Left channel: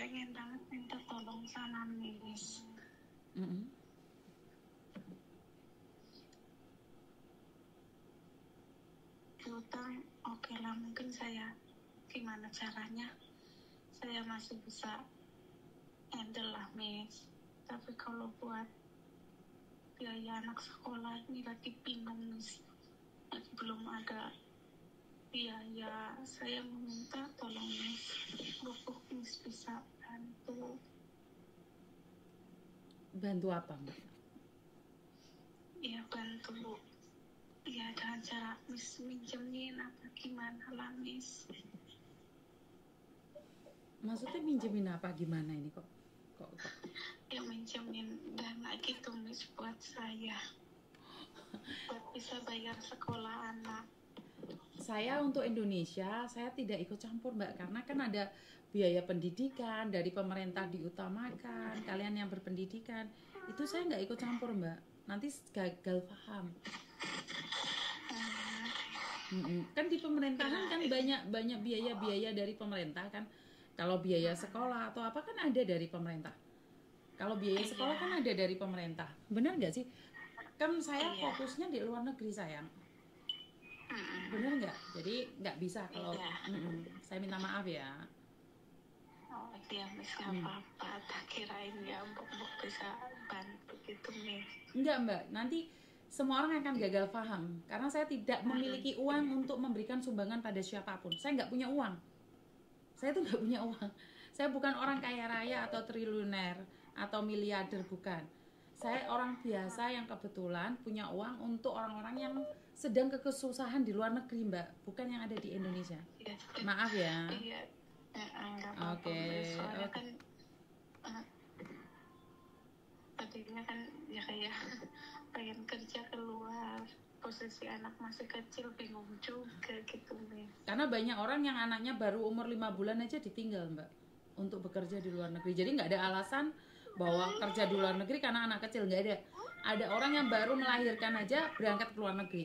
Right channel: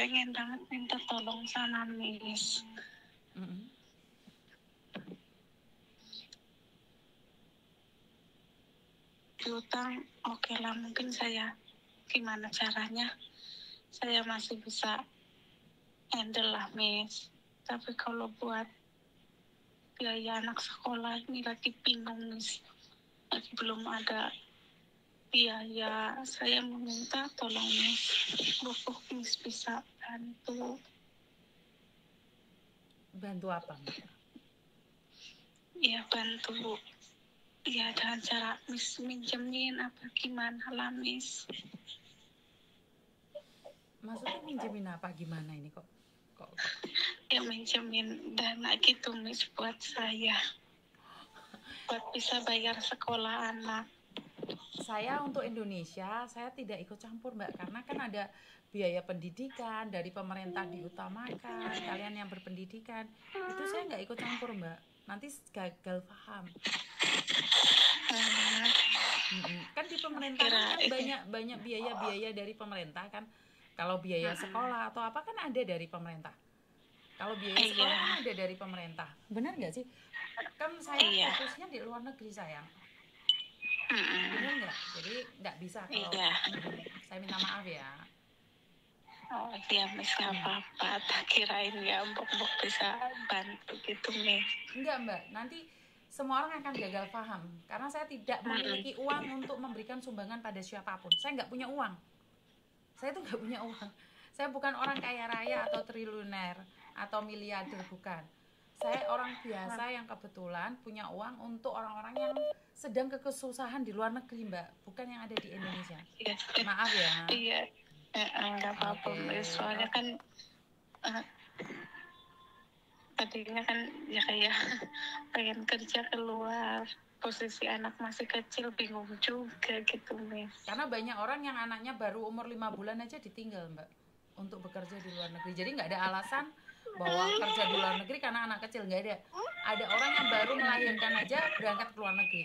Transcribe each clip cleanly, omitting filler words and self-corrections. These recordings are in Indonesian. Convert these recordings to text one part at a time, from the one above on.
pengen banget minta tolong sama Miss. Piutang, oke lah, mungkin saya gimana caranya saya masih bisa handle lah, Miss. Tapi kalau buat biaya anak sekolah ini lagi bingung, Miss. Lagi belum ada biaya. Saya meminta tolong, Miss. Miss bisa bantu. Bantu apa, Mbak? Ya, bantu. Ya, dengan cara Miss minjemin apa gimana lah, Miss. Maksudnya minjemin apa gimana ini kok? Ya, minjemin dana gitu, Miss, buat saya. Buat bisa bayar sekolah anak. Saya untuk Indonesia, saya tidak ikut campur, Mbak, karena kan ada biaya pendidikan dari pemerintah diutamakan, kalian yang berpendidikan. Itu saya nggak ikut campur, Mbak. Nanti gagal paham. Kan di pemerintahan kan banyak biaya dari pemerintah kan. Kalau biaya sekolah atau apa kan ada dari pemerintah. Kalau biaya sekolah kan ada dari pemerintah. Benar nggak sih? Kan saya fokusnya di luar negeri, sayang. Benar nggak? Jadi nggak bisa kalau saya minta maaf ya. Oh iya, Miss, nggak apa-apa. Tak kirain ya Mbok bisa bantu gitu, Miss. Enggak, Mbak. Nanti semua orang akan gagal paham karena saya tidak memiliki uang untuk memberikan sumbangan pada siapapun. Saya nggak punya uang. Saya tuh nggak punya uang. Saya bukan orang kaya raya atau triliuner atau miliarder, bukan. Saya orang biasa yang kebetulan punya uang untuk orang-orang yang sedang kesusahan di luar negeri, Mbak, bukan yang ada di Indonesia. Maaf ya. Iya, nggak apa-apa, Miss. Soalnya kan tadinya kan ya kayak pengen kerja keluar, posisi anak masih kecil, bingung juga gitu, Miss. Karena banyak orang yang anaknya baru umur 5 bulan aja ditinggal, Mbak, untuk bekerja di luar negeri. Jadi nggak ada alasan bahwa kerja di luar negeri karena anak kecil, nggak ada. Ada orang yang baru melahirkan aja berangkat ke luar negeri.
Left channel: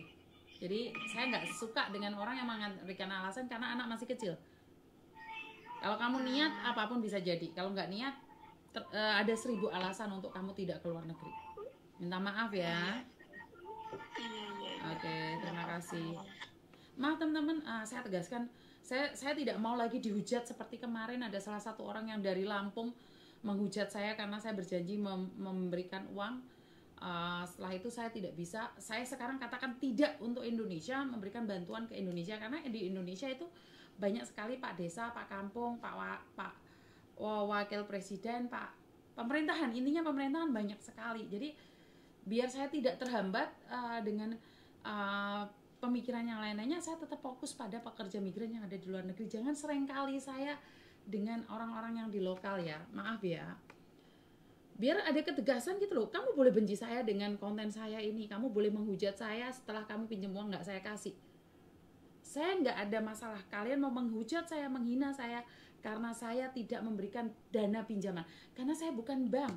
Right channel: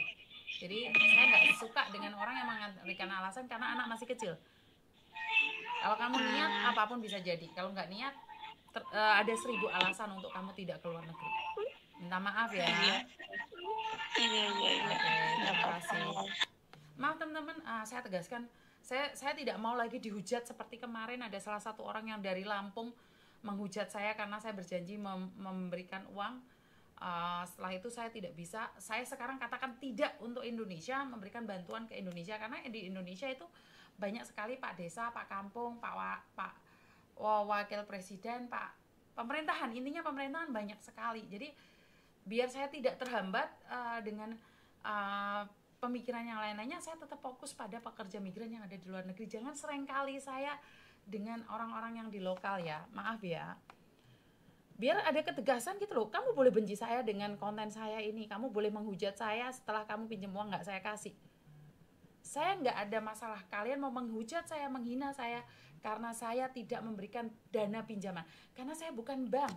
Jadi saya nggak suka dengan orang yang memberikan alasan karena anak masih kecil. Kalau kamu niat, apapun bisa jadi. Kalau nggak niat, ada 1000 alasan untuk kamu tidak ke luar negeri. Minta maaf ya. Oke, terima kasih. Maaf teman-teman, saya tegaskan, saya tidak mau lagi dihujat seperti kemarin ada salah satu orang yang dari Lampung menghujat saya karena saya berjanji memberikan uang. Setelah itu saya tidak bisa. Saya sekarang katakan tidak untuk Indonesia, memberikan bantuan ke Indonesia karena di Indonesia itu banyak sekali Pak Desa, Pak Kampung, Pak Wakil Presiden, Pak pemerintahan. Intinya pemerintahan banyak sekali. Jadi biar saya tidak terhambat dengan pemikiran yang lain-lainnya, saya tetap fokus pada pekerja migran yang ada di luar negeri. Jangan seringkali saya dengan orang-orang yang di lokal ya, maaf ya. Biar ada ketegasan gitu loh. Kamu boleh benci saya dengan konten saya ini, kamu boleh menghujat saya setelah kamu pinjam uang nggak saya kasih. Saya nggak ada masalah. Kalian mau menghujat saya, menghina saya karena saya tidak memberikan dana pinjaman. Karena saya bukan bank.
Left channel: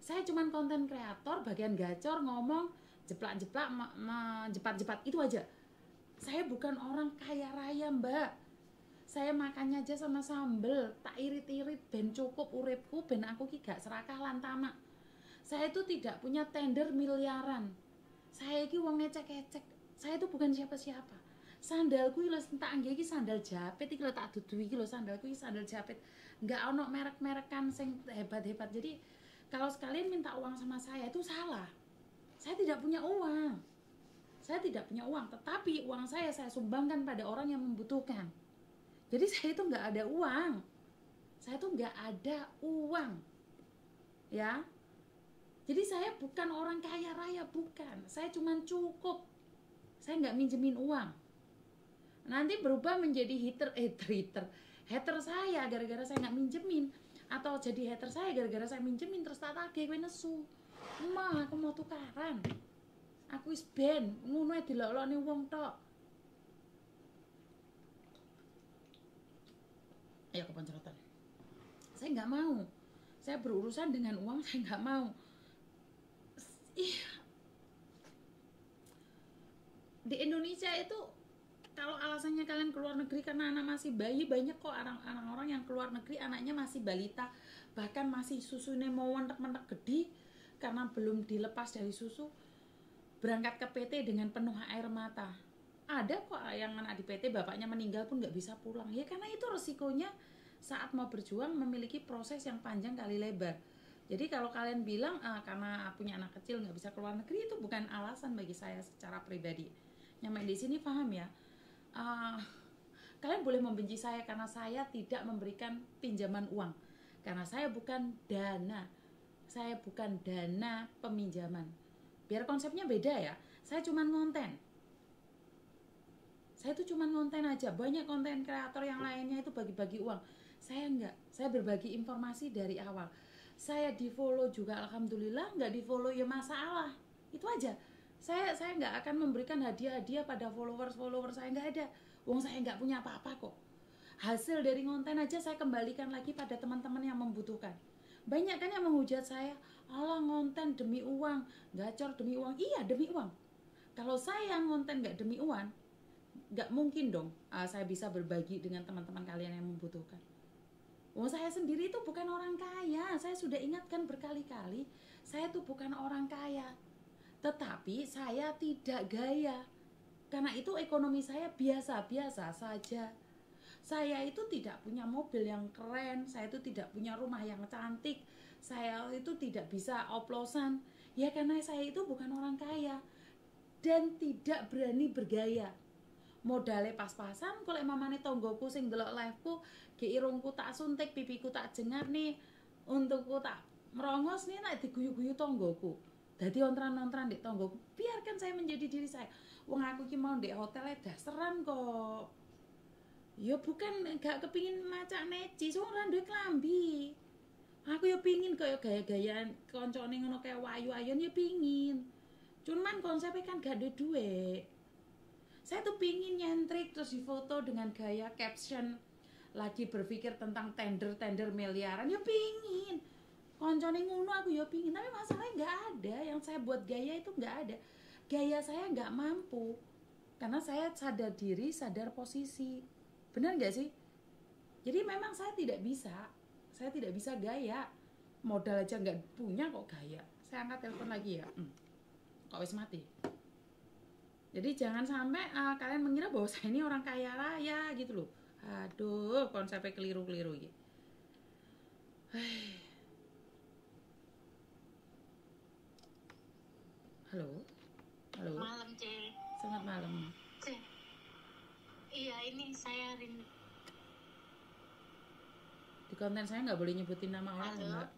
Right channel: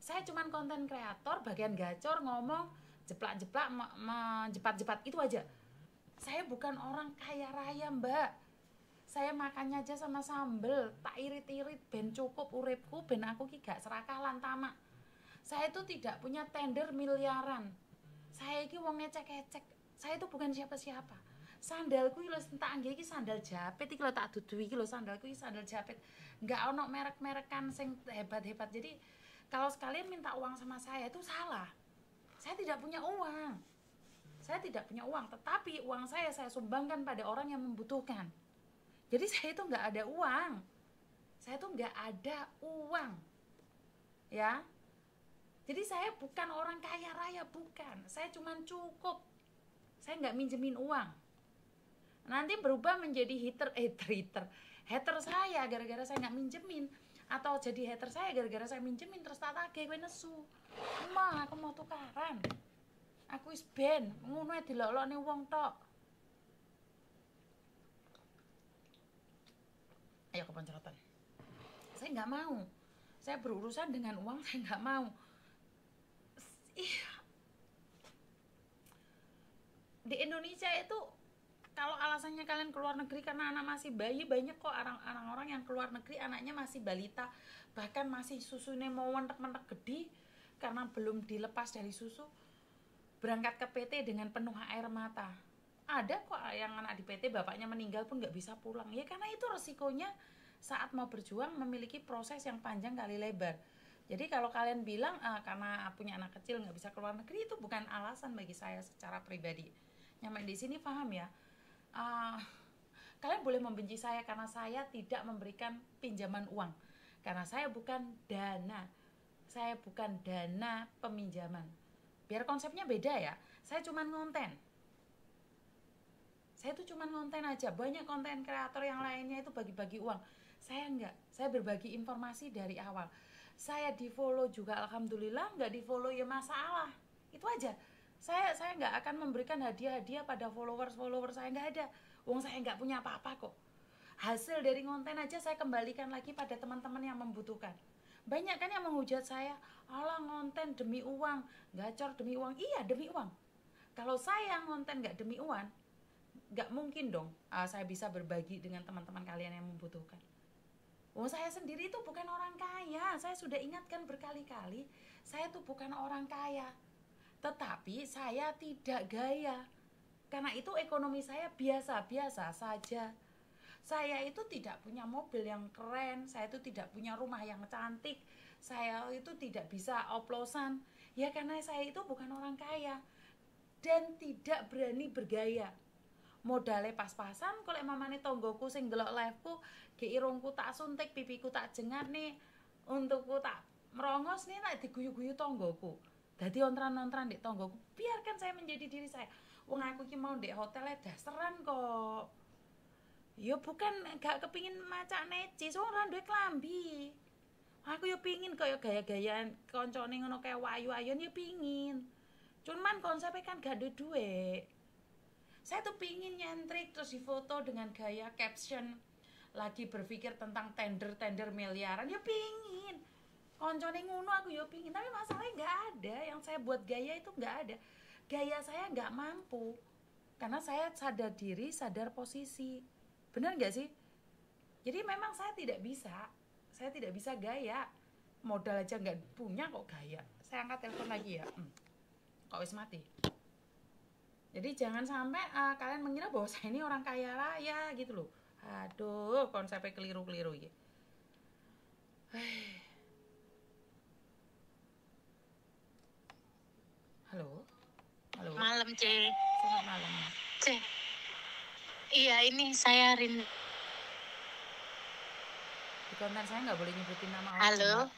Saya cuman konten kreator, bagian gacor, ngomong, jeplak-jeplak, jepat-jepat, itu aja. Saya bukan orang kaya raya, Mbak. Saya makannya aja sama sambel, tak irit-irit, ben cukup uripku, ben aku ki gak serakah lantama. Saya itu tidak punya tender miliaran. Saya iki wong ngecek-ngecek. Saya itu bukan siapa-siapa. Sandalku lho tak anggih iki sandal japit iki lho tak dudu iki lho sandalku iki sandal japit. Enggak ono merek-merekan sing hebat-hebat. Jadi kalau sekalian minta uang sama saya itu salah. Saya tidak punya uang. Saya tidak punya uang, tetapi uang saya sumbangkan pada orang yang membutuhkan. Jadi saya itu nggak ada uang. Saya tuh nggak ada uang. Ya. Jadi saya bukan orang kaya raya, bukan. Saya cuma cukup. Saya nggak minjemin uang. Nanti berubah menjadi hater saya gara-gara saya nggak minjemin, atau jadi hater saya gara-gara saya minjemin terus tak tagih kowe nesu. Mah aku mau tukaran. Aku wis ben ngono dilok-lokne wong tok. Ayo kepancrotan. Saya nggak mau. Saya berurusan dengan uang, saya nggak mau. Di Indonesia itu kalau alasannya kalian keluar negeri karena anak masih bayi. Banyak kok orang-orang yang keluar negeri anaknya masih balita, bahkan masih susunya mau mentek-mentek gede karena belum dilepas dari susu, berangkat ke PT dengan penuh air mata. Ada kok yang anak di PT bapaknya meninggal pun nggak bisa pulang, ya karena itu resikonya saat mau berjuang memiliki proses yang panjang kali lebar. Jadi kalau kalian bilang karena punya anak kecil nggak bisa keluar negeri, itu bukan alasan bagi saya secara pribadi. Yang main di sini paham ya, kalian boleh membenci saya karena saya tidak memberikan pinjaman uang, karena saya bukan dana peminjaman. Biar konsepnya beda ya, saya cuma ngonten. Saya tuh cuma ngonten aja. Banyak konten kreator yang lainnya itu bagi-bagi uang. Saya enggak. Saya berbagi informasi dari awal. Saya di follow juga alhamdulillah, nggak di follow ya masalah. Itu aja. Saya nggak akan memberikan hadiah-hadiah pada followers saya, nggak ada. Uang saya nggak punya apa-apa kok. Hasil dari konten aja saya kembalikan lagi pada teman-teman yang membutuhkan. Banyak kan yang menghujat saya, alah ngonten demi uang, gacor demi uang. Iya demi uang. Kalau saya ngonten nggak demi uang, nggak mungkin dong saya bisa berbagi dengan teman-teman kalian yang membutuhkan. Saya sendiri itu bukan orang kaya. Saya sudah ingatkan berkali-kali, saya tuh bukan orang kaya, tetapi saya tidak gaya. Karena itu ekonomi saya biasa-biasa saja. Saya itu tidak punya mobil yang keren, saya itu tidak punya rumah yang cantik, saya itu tidak bisa oplosan. Ya karena saya itu bukan orang kaya dan tidak berani bergaya. Modalnya pas-pasan, kalau mamane tonggoku sing delok liveku, irungku tak suntik, pipiku tak jengar nih, untukku tak merongos nih, nak diguyu-guyu tonggoku. Dadi ontran-ontran di tonggoku, biarkan saya menjadi diri saya. Wong aku ki mau di hotelnya dasaran kok. Ya bukan gak kepingin macak necis, ora duwe klambi. Aku ya pingin kaya gaya-gayaan koncone ngono kaya wayu-ayun ya pingin. Cuman konsepnya kan gak ada duit. Saya tuh pingin nyentrik terus difoto dengan gaya caption lagi berpikir tentang tender miliaran, ya pingin. Koncone ngono aku ya pingin, tapi masalahnya gak ada. Yang saya buat gaya itu gak ada. Gaya saya gak mampu. Karena saya sadar diri, sadar posisi. Benar gak sih? Jadi memang saya tidak bisa gaya. Modal aja gak punya kok gaya. Saya angkat telepon lagi ya. Kok wis mati. Jadi jangan sampai kalian mengira bahwa saya ini orang kaya raya gitu loh. Aduh, konsepnya keliru-keliru gitu. Halo. Malam, C. Selamat malam. C. Iya, ini saya Di konten saya nggak boleh nyebutin nama orang. Halo.